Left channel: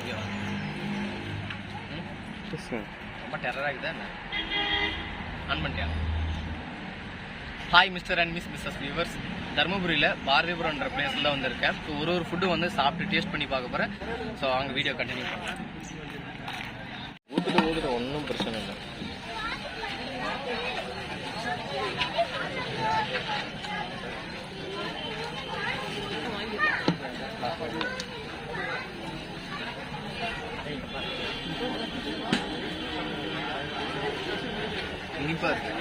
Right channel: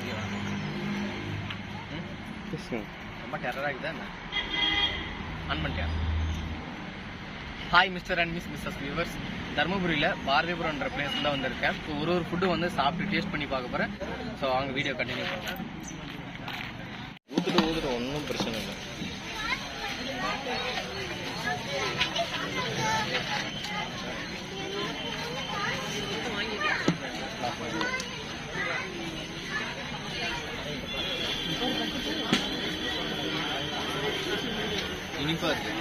இங்கே வா. ம்? ரொம்ப டெரராக இருக்குதா என்ன? ஆன் பண்ணிட்டியா? Hi mister and miss missus viewers தருமபுரியில் பாரதிபுரம்ன்ற பிளேஸில் தான் வந்திருக்கேன். ஸோ ஒரு ஒரு ஃபுட்டு வந்து சாப்பிட்டு டேஸ்ட் பண்ணி பார்க்க போகிறேன் ஸோ அவங்க வீடியோ கண்டினியூ பண்ணுறேன் ஊற்றுட்டு ஊற்றுட்டு ஒன்றும் பிரச்சனை இல்லை. இனிப்பா இருக்கு?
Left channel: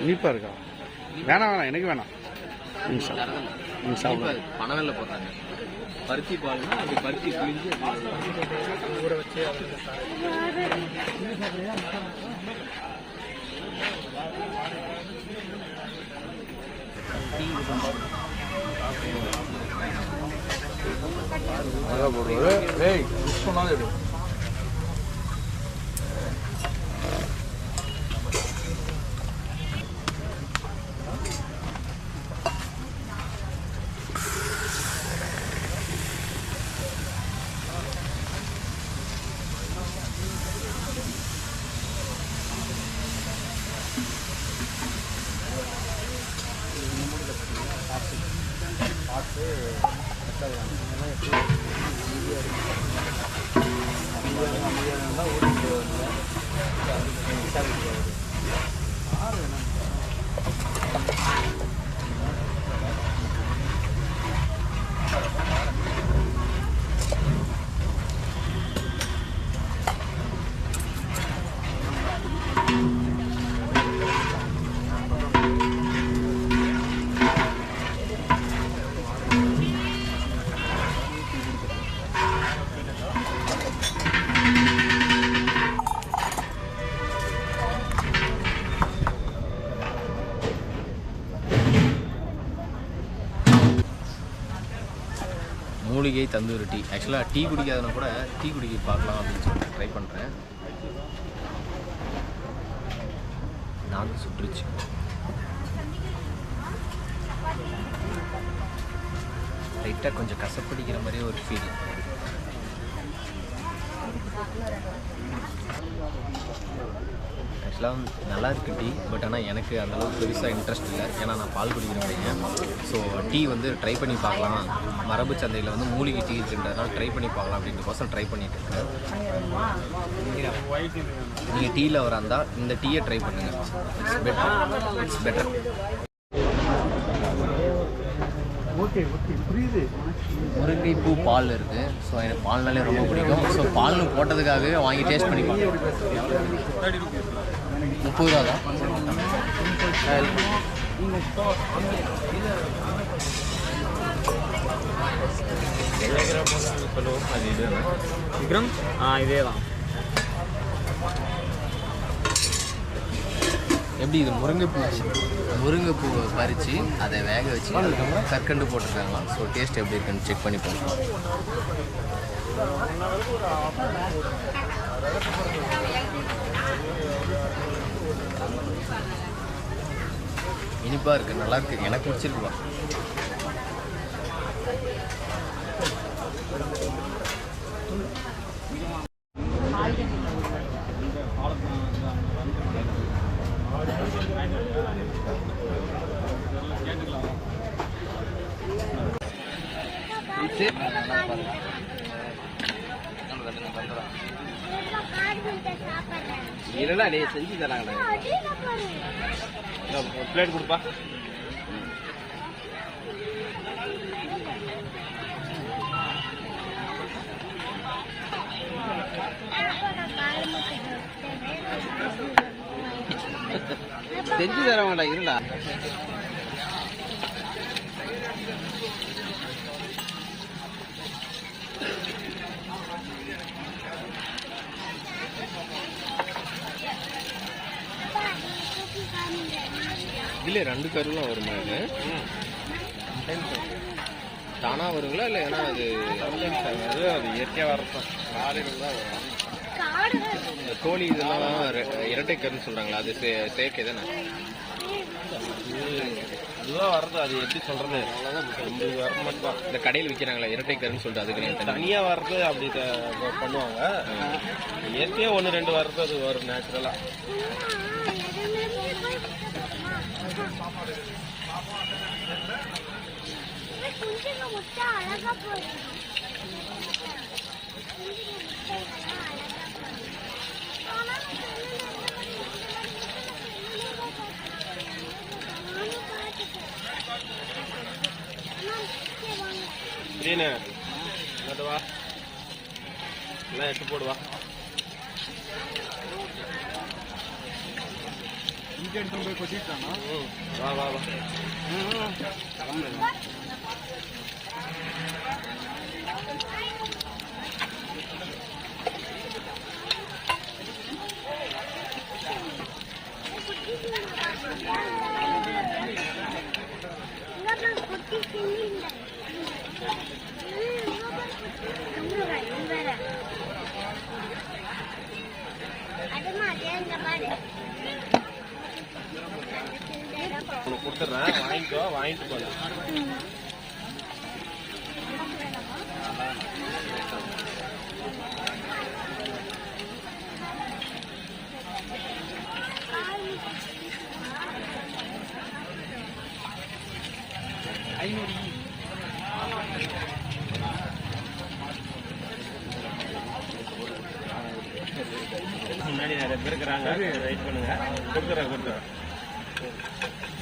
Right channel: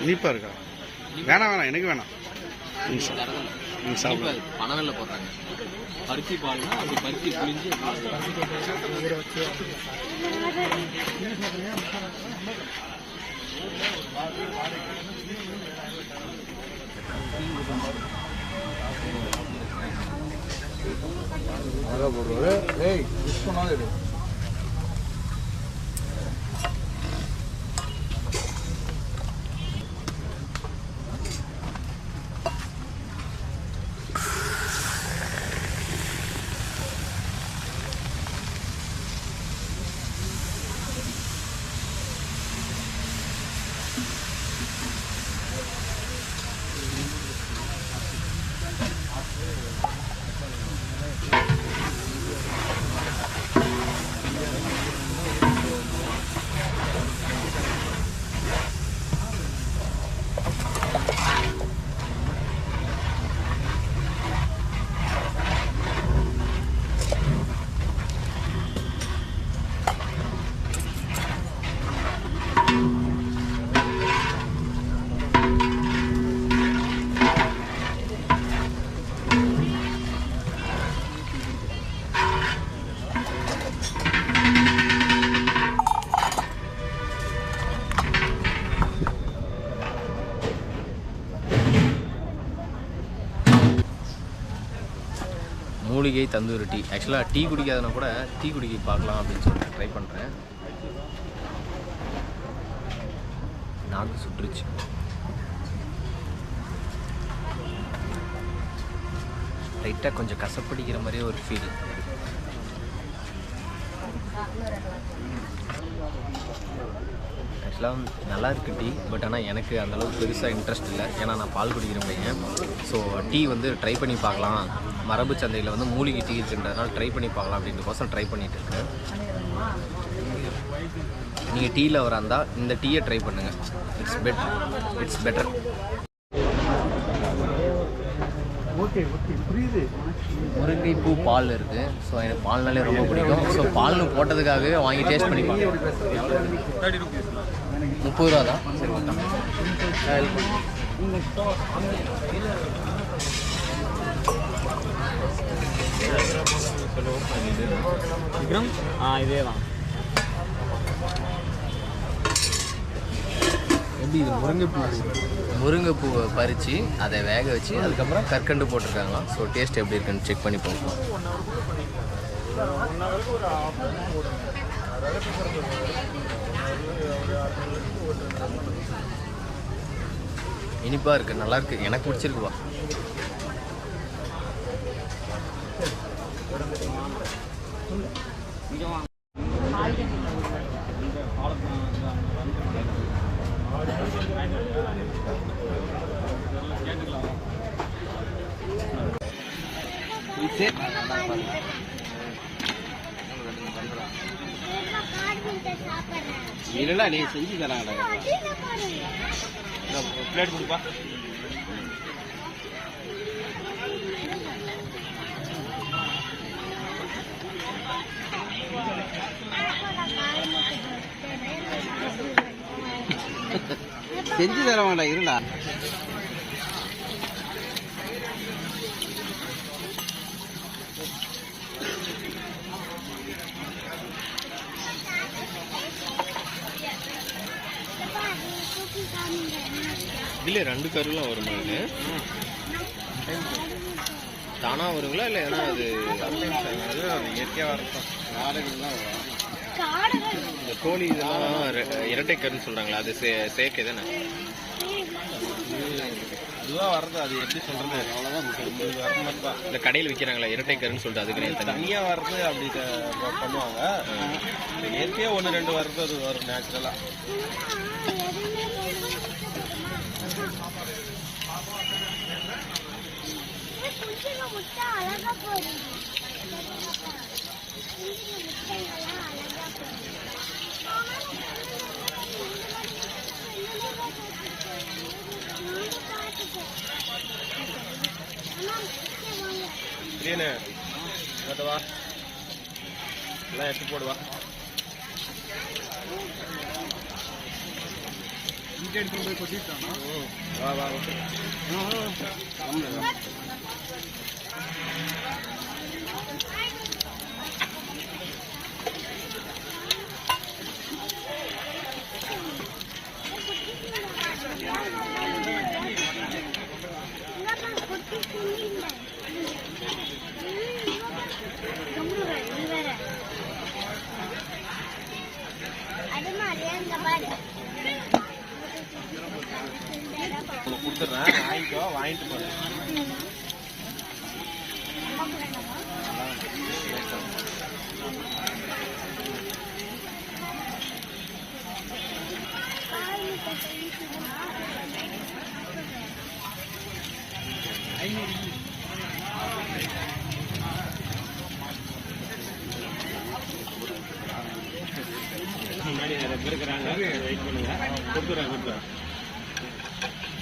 இனிப்பா இருக்கா வேணாம் வேணாம் எனக்கு வேணாம். பனவெல்ல போடுறாங்க. பருத்தி பால்னா அப்படி பருத்தி புளிஞ்சு அழகா போடுவாரு ஏய் மிஸ் பண்ணாத すげえ。மூலிகை தந்தூரி. டீ ஆக்சுவலாக டீ குடிக்காதனா கூட டீ குடிக்க பார்க்கலாம் அப்படின்னு சொல்லிட்டு ட்ரை பண்ணுறேன் நாக்கு சுற்றுச்சு. லைட்டாக கொஞ்சம் கசப்படிக்கிற மாதிரியே ஒரு ஃபீல் ஆக்சுவலாக நல்லா இருக்குது டீ பட் ஆனால் எனக்கு அந்தளவுக்கு பெருசாக இன்ட்ரெஸ்ட் இல்லை. ஏன்னா நான் பால் குடிக்கிற பையன். ஸோ டீ வந்து ட்ரை பண்ணி பார்க்கலாம். மரபு சந்தையில் வந்து மூலிகை டீ இருக்குன்றதுனால ட்ரை பண்ணி பார்க்கலாம் அப்படின்றக்கோசம் ட்ரை பண்ணிட்டு இருக்கேன். நீங்கள் டீயில் வர இருந்தால் இந்த டீயை ட்ரை பண்ணுங்கள் இட்ஸ் பெட்டர் இட்ஸ் பெட்டர் புரியுது. முருங்கைப்பூ பால் இருக்குது ஸோ எனக்கு பால்னாலே ரொம்ப பிடிக்கும். ஸோ பால்னு போட்டதுக்காகவே வாங்கி டேஸ்ட் பண்ணி பார்க்கலாம் முப்பது ரூபா தான் சரி விக்ரம் ஆ இதே தான் எப்படி இது முருங்கைப்பூ முருங்கைப்பூவை பறித்து அதை வேக வச்சு அதுக்கப்புறம் கற்கண்டு போட்டிருக்காங்க ஸோ டேஸ்ட் எப்படி இருக்குன்னு செக் பண்ணி பார்க்கலாம். இனிப்பாக இருக்குது நல்லாயிருக்கு எனக்கு பிடிச்சிருக்குவா இல்லைல்ல நீ செஞ்சு தராங்கடா பிளேட் கொடுப்பா. செஞ்சு தரவங்கடா இருடா இதில் ரெண்டு கருலாம் வருமா இது? தானாக வருங்களா இல்லை ஏன்னா அது அது இயற்கையாக வரட்டும் வேலைகள்லாம் இந்த கோழி இதெல்லாம் ரெ- இரட்டை கருன்னு சொல்றாங்களா அது சே- செயற்கை தானே? அதுதான் வர்றது அது எப்படி சொல்றது? இது வர மாட்டா இந்த கடையில் விற்கிறாங்களா இரட்டை கருன்னு சொல்லிட்டு அதுக்கு தனி தனியா வர்றது அப்படி பண்ணுவாங்க. இயற்கையா ஒன்று ரெண்டு வர்றது அது வரும் நேச்சுரலா இதேனே வா. எல்லாம் எடுத்து போடுவா ம், வா வா வா உனக்கு கொடுத்துட்றேன் வாங்கிக்கோ வாங்கிட்டு போகிறேன் முன்னாடி நிறைய பேர் இருக்கிறாங்க. வெயிட் பண்ணுங்க. கொடுத்துறேன் கொடுத்துறேன்.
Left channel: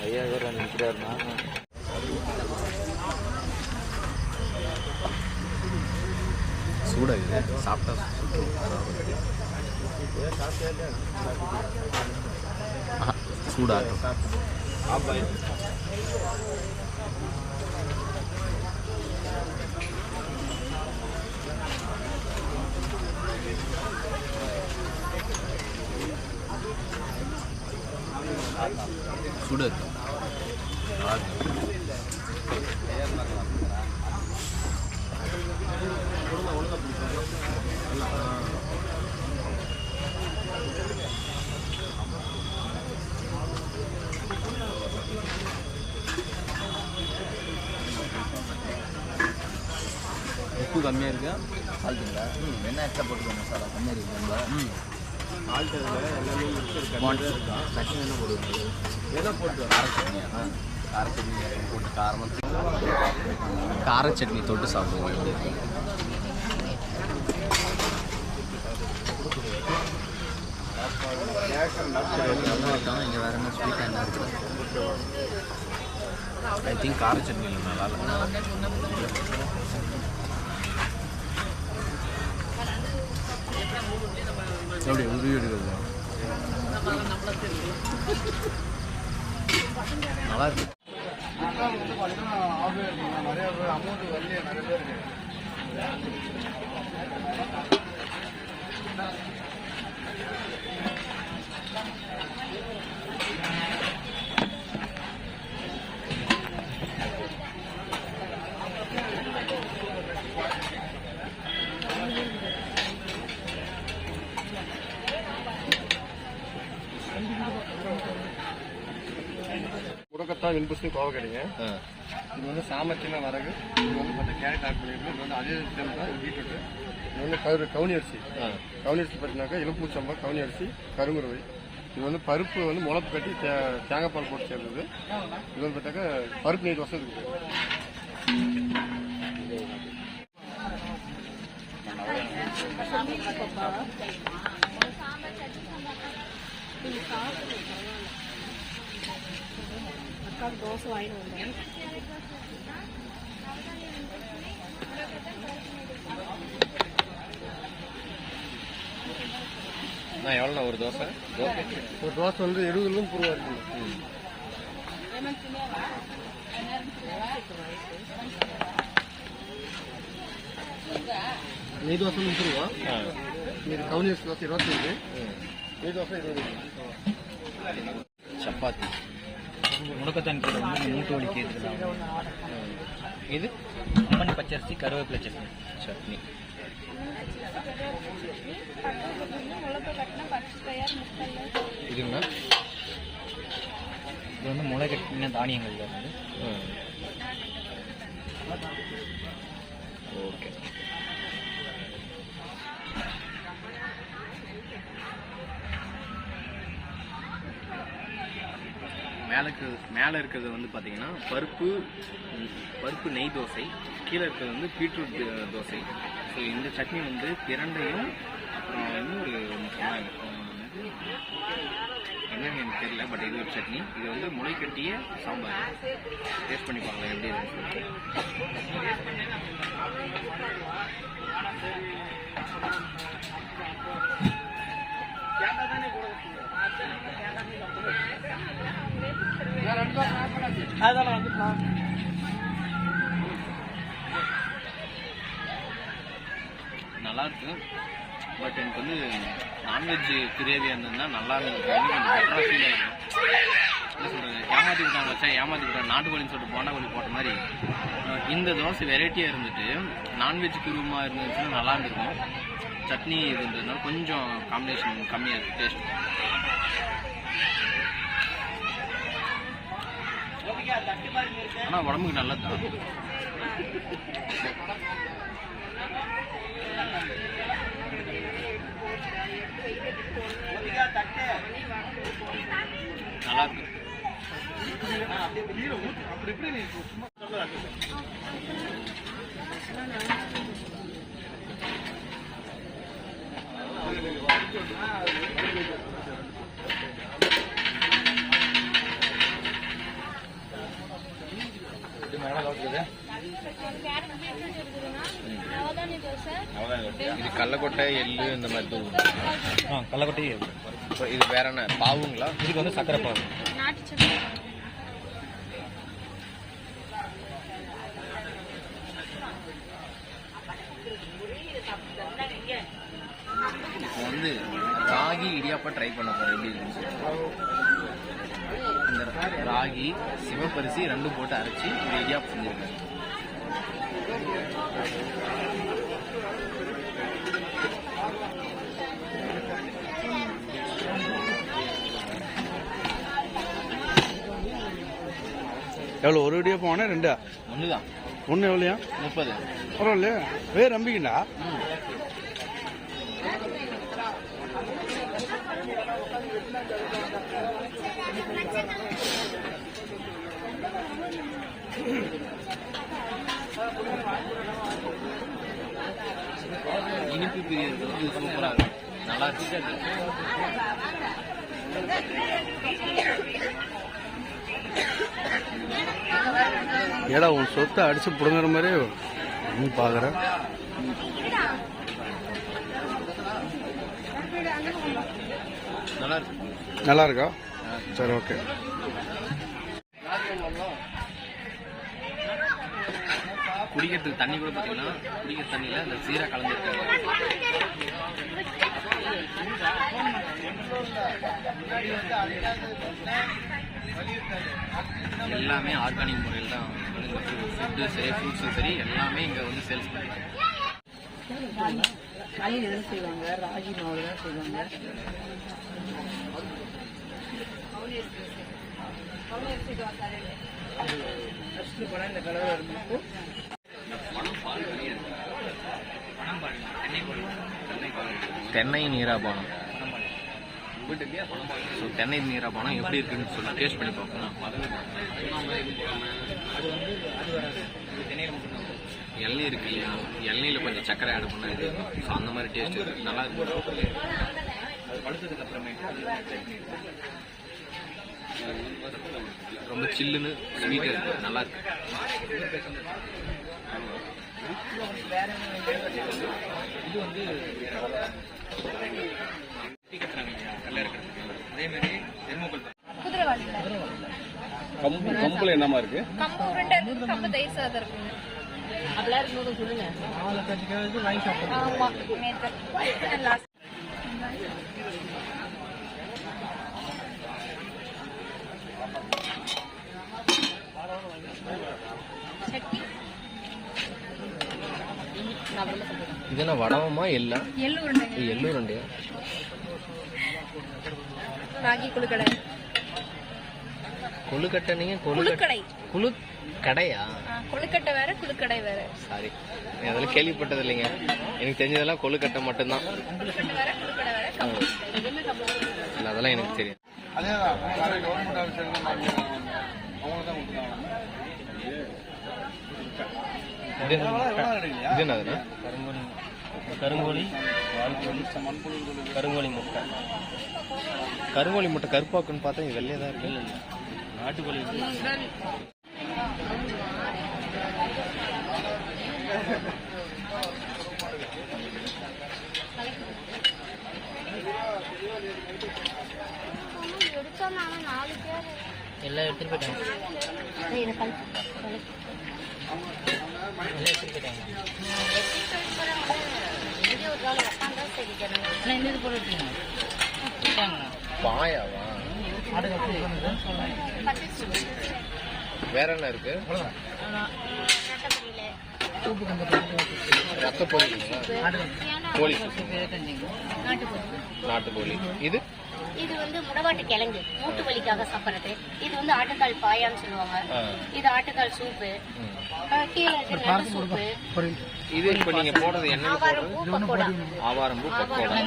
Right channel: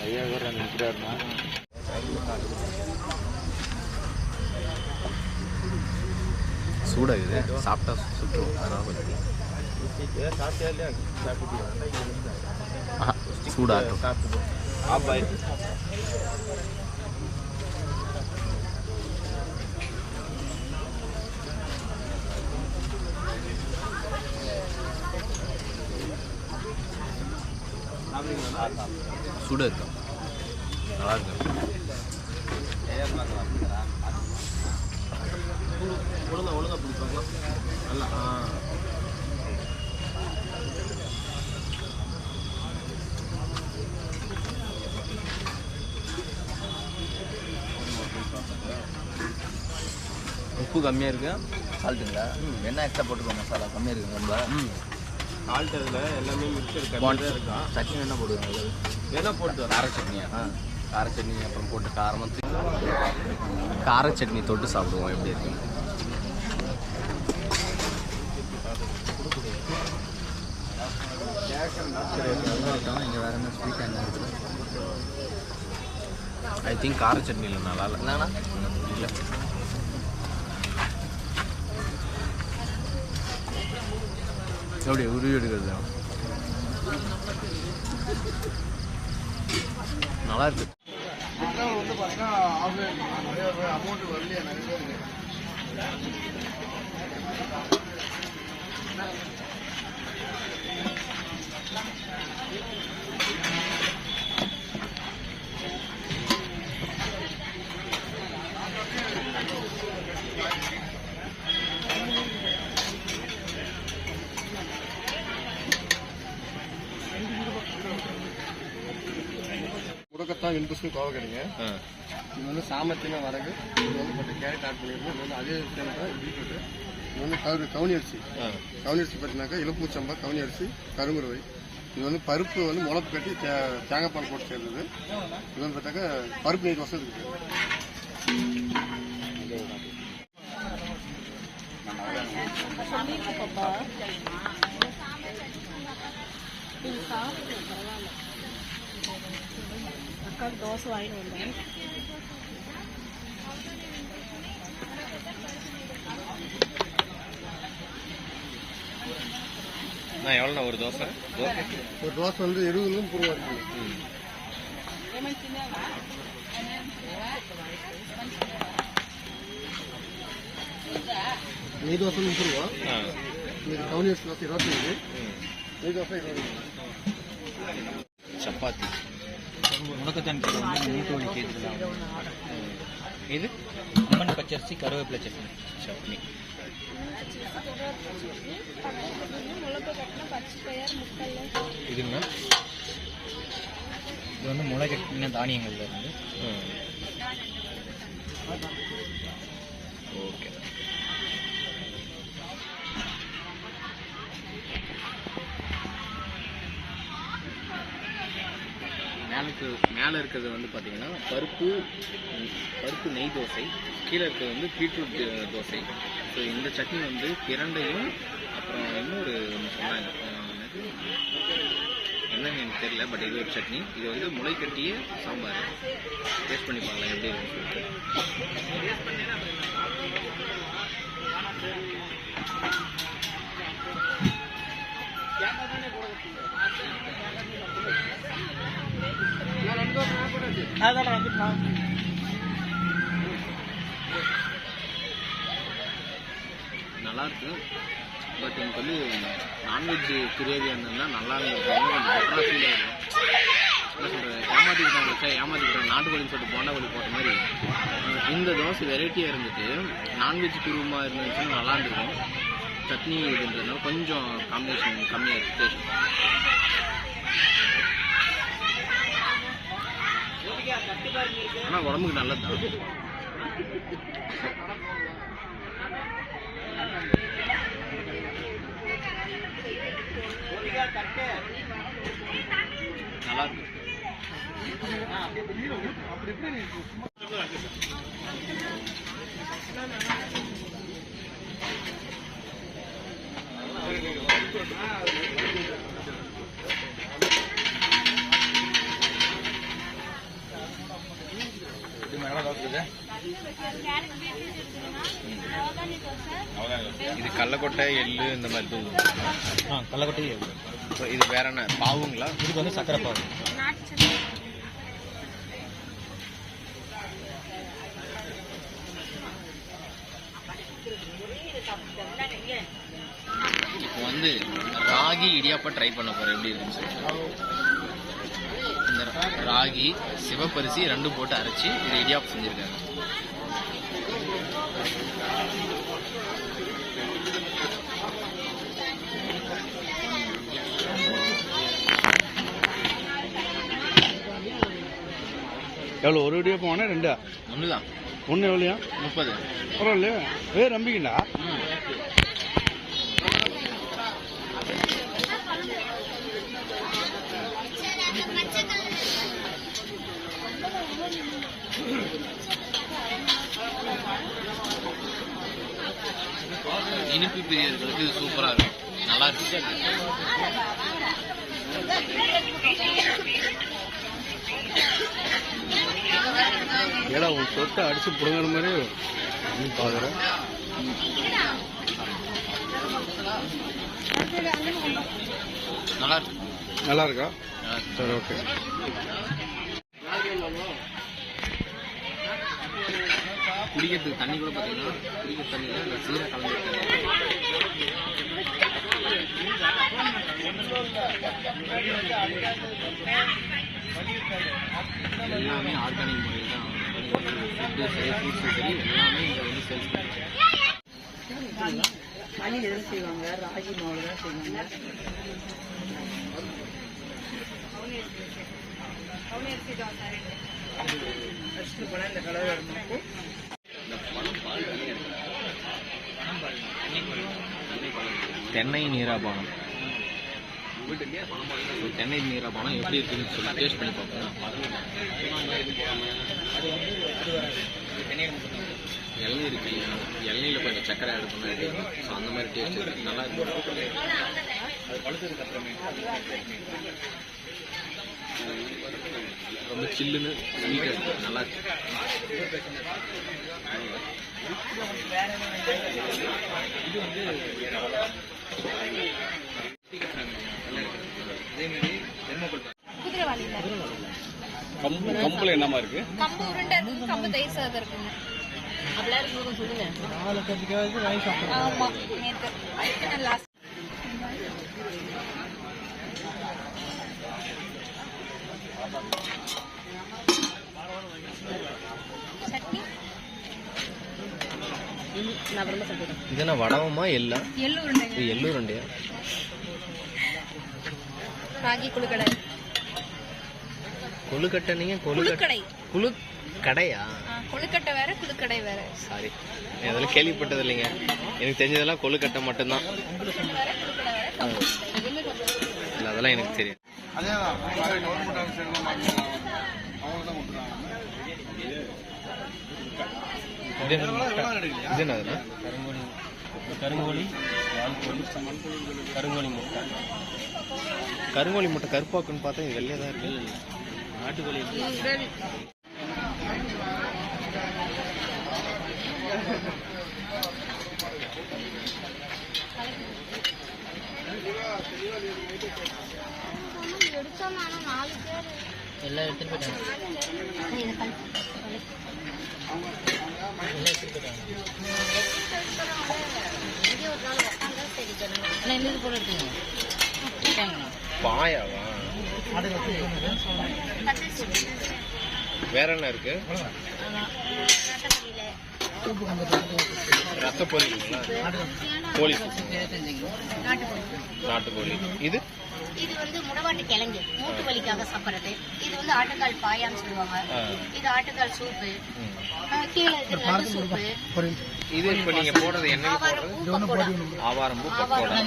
ஐயா வேற நிற்கிறாருண்ணா சூடாக இது சாப்பிட்டா சுற்றும் சூடாகட்டும். ஆப் இருக்கும் நல்லா இருக்கும் உப்பு கம்மியாக இருக்கா சால்ட்டுங்களா என்ன எக்ஸ்ட்ரா போட்டுக்கோ மசாலா கம்மியாக இருக்குது ரொம்ப. ம் ஆல்ட் இதில் எல்லாமே மிக்சர் இருக்கான் சட்னி என்ன போடுவாங்க? வேணா போட்டு கார சட்னியா கார சட்னி அப்புறம் போட்டு காரமாக கார சட்னி தொட்டு சாப்பிடுவோம். எப்படி இருக்கு? இங்கே வேற என்ன ஸ்வீட் என்ன இருக்குது ஐ திங்க் கார சட்னி இல்லை. 저리 우리 요리 எப்படி உருவி எடுக்கிறது நல்லா இருக்கு வந்து பார்த்தீங்கன்னா நிறைய பேர் அமௌண்ட் வரலையா நிறைய முடக்கத்தான் வெண்பூசணி கோவக்கடிங்க ஆ. இது வந்து சாமத்தின வரகு. இது வந்து கொஞ்சம் கேரட் ஆட் பண்ணியிருக்கோம் இது வந்து அதே டைம் தான் பீட்ரூட் இது வந்து கரு கவுனி அரிசி. ஆ. கவுனி அரிசி பார்த்தீங்கன்னாக்கா இலப்பூச்சம்பா கவுனி அரிசி கருங்குருவை. இது வந்து பருப்பு வந்து முளப்பு கட்டி தே தேங்காய் பால் போட்டு சேர்ந்தது. இது வந்து பார்த்தாக்கா பருப்பு நெய் தோசை இருக்குது தோசை வாங்கிட்டு வந்தேன். நான் எவ்வளோண்ணா ஒரு தோசை? தோசை? ஒரு தோசை வந்து எழுபதுல முப்பது ரூபா இருக்குது நெய் தோசை முப்பது ரூபா அரிசி தோசை இருபத்தஞ்சு. நெய் தோசை இருபது. சப்பாத்தி. முடக்கத்தான் வந்து மூட்டு இது அம்மன் பச்சரிசி கருவேப்பிலை சட்னி. சட்னி இதுங்கண்ணா இது வந்து முளை கட்டின தானியங்கள்ல இருந்து. ஓகே. எனக்கு மேலே இருக்கிறது வந்து பார்த்தீங்கன்னா பருப்பு பருப்பு நெய் தோசை கீழே இருக்கிறது வந்து பீட்ரூட் தோசை. ஸோ இந்த சட்னி வந்து பிரண்டையும் அப்புறம் இன்னொரு ஒன்று சொன்னாங்க. என்னன்னு எனக்கு தெரியல பட் இது ஒரு சட்னி. இது வந்து முளை கட்டிய சாம்பார். டேஸ்ட் பண்ணி பார்க்கலாம் எப்படி இருக்குன்னு சொல்லிட்டு. நல்லா இருக்கு பட் எனக்கு வந்து நான்வெஜ் கிரேவி இருந்ததுன்னா நல்லா இருக்கும் கொஞ்சம் பெட்டராக ஃபீல் ஆகிடும் என்ன சொல்கிறது ஏமாற்றி வச்சா ஏமாற்றி விட்டாங்க நாட்டுக்கோழின்னு சொல்லிட்டு போண்டா போட்ட மாதிரி. இந்த தோசை வெரைட்டியாக இருந்துட்டு நான்வெஜ் குருமா இருந்துச்சுன்னா நல்லா இருந்திருக்கும். சட்னி இதுன்றதுனால கொஞ்சம் காம்பினேஷன் கம்மியாக இருக்குது டேஸ்ட் ஆனால் உடம்புக்கு நல்லது தான். நல்லா இருக்கு. இது இது கடலக்கொட்டை எள்ளு இந்த மாதிரி தூள் ஆ கள்ளக்கொட்டை இப்போ இது வேற என்ன பாவுங்களா? இதுக்கு வந்து சக்கரை பாகு இப்போ வந்து ராகி இடியாப்பம் ட்ரை பண்ண போறேன். எப்படி இருக்குன்னு சொல்லிட்டு. இந்த ராகி சிவப்பரிசி ரெண்டும் போட்டு அரைச்சி இது இடியாப்பம் செஞ்சிருக்காங்க. எவ்வளோ ஒரு வீடியோ போனேன் ரெண்டா? ஒன்று தான் ஒன்று எவ்வளோயா முப்பது. பரவாயில்லையா வேறு நம்பிக்கண்டா? இனிப்பு பிரியர்களுக்கு சூப்பராக இருக்கும். நல்லா இருக்கு. ஏடா உன் சொத்தை அடிச்சு பிடுங்குற மாதிரியே நீ பார்க்குற நல்லா இருக்கு. நல்லா. சரி ஓகே. குடிக்கிறதுக்கு தண்ணி கூட பார்த்தீங்கன்னா குடிக்கிற தண்ணியில் அந்த சீரா கலந்துருக்காங்க எல்லாமே ஆர்கானிக் முறையில் தான் ஃபுட்டு சரி ஃப்ரூட்ஸும் சரி எல்லாமே இங்கே வந்து சேல்ஸ் பண்ணுறாங்க களியில் செய்வாங்க? ராகி மாவு தான் செய்வாங்க. ஃபஸ்ட்டு இந்த தென்னை நீராபானம். ஸோ தென்னை பணம் எப்படி இருக்குன்னு சொல்லி டேஸ்ட் பண்ணி பார்ப்போம். இளநீர் இருக்கு இல்லையா? இளநீரில் கொஞ்சம் சக்கரை ஆட் பண்ணா இது ஸோ அந்த மாதிரி டேஸ்ட் இருக்கு. நல்லா இருக்கு. ரொம்ப சில்லுன்னு ஸ்வீட்டாக இருக்கு. நல்லா இருக்கு. கம்பு கம்பில் என்னமா இருக்கு? கம்பு உருண்டை இருக்குது கம்பு தயிர் சாதம் இருக்குங்க. ஆமா வடவமா எல்லாம் எள்ளு? உருண்டைங்க. இது எள்ளூர் ரெண்டையா ராகி குழுக்கடை. கொழுக்கட்டை நீங்கள் கொழுக்கட்டை குழுக்கடை. குழு கடையா கொழுக்கட்டை வேற குழுக்கடை வேற. சாரி. நான் அதெல்லாம் கேள்விப்பட்டது இல்லைங்க எனக்கு தெரிஞ்சதெல்லாம் கொழுக்கட்டை மட்டும்தான். இல்லை அதெல்லாம் எனக்கு தெரியும் இது இது என்னதுண்ணா கருங்கோழி கருங்கோழி வால்கோழி கருங்கோழி முட்டை. கருங்கோழி முட்டை கருப்பாக்குன்னு பார்த்தா இது வெள்ளையாக தான் இருக்கு நாட்டுக்கோழி எல்லாம் எடுத்துட்டு போயிட்டாங்க. எல்லாம் எடுத்துட்டு போயிட்டாங்க. பாயாவா? வேற என்ன இருக்கு? ரத்த பொரிங்களா கோழி. நாட்டுக்கோழி. இது? இது வந்து முடவாட்டு கிழங்கு. மூட்டு வலிக்காக சாப்பிடுறது. இது வந்து ஆட்டுக்கால் பாயான்னு சொல்லுவாங்க. இது ஆட்டுக்கால் சூப்பு. கீழே நண்டு சூப்பு. இது இப்போ நீங்க போடுறது எண்ணெயில் போடுறது? ஆவாரம் பூ பக்கோடா.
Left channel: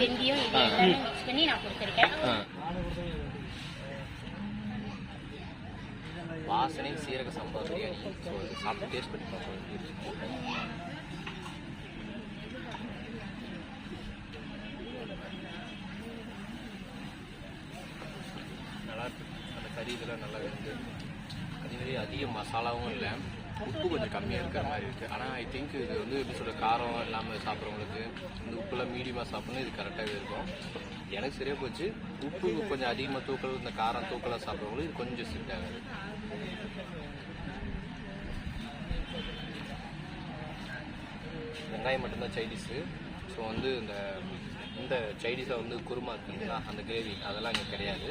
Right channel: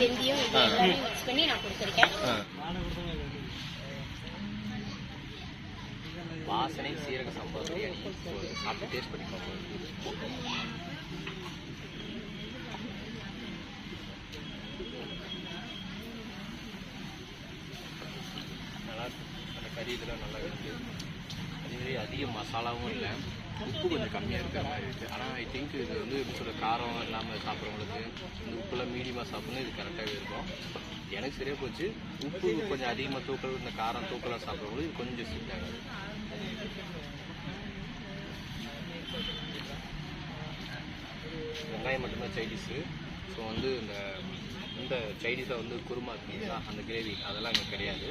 வெந்தயம் எல்லாமே மிக்ஸ் பண்ணி நான் கொடுத்துருக்கேன் ஆ. வாசனை சீரக சம்பா பிரியாணி. ஸோ சாப்பிட்டு டேஸ்ட் பண்ணி பார்ப்போம். நல்லா இருக்கு. அந்த கறி இதெல்லாம் நல்லா இருக்கு. அதே மாதிரி அதிக மசாலாவும் இல்லை. உப்பு கொஞ்சம் கம்மியாக இருக்கிற மாதிரி இருக்குது ஆனால் ஐ திங்க் இது வந்து எப்படி சொல்ற காரம் இல்லாமல் சாப்பிட்றவங்களுக்கு இந்த உப்புலாம் மீடியமாக சாப்பிட்ணும் இது கரெக்டாகவே இருக்கும். எனக்கு சரியாக போச்சு. உப்பு கொஞ்சம் அதிகமாக தூக்கல் இந்த காரம் தூக்கலாக சாப்பிட்றவங்களுக்கு இது கொஞ்சம் ஸ்ட்ரிக்ட் ஆகாது. வெங்காயம் மட்டும்தான் சைடிஸு ஸோ வந்து இந்த இந்த சைடிஸை வந்து குருமா இருக்குங்களா? அந்த கிரேவி அதெல்லாம் இங்கே கிடையாது.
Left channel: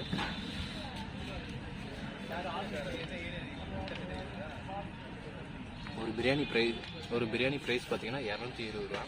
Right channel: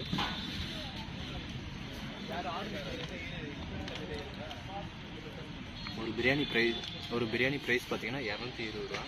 ஒரு பிரியாணி ப்ரைஸ் ஒரு பிரியாணி ப்ரைஸ் பார்த்தீங்கன்னா இரநூத்தி இருபது ரூபா.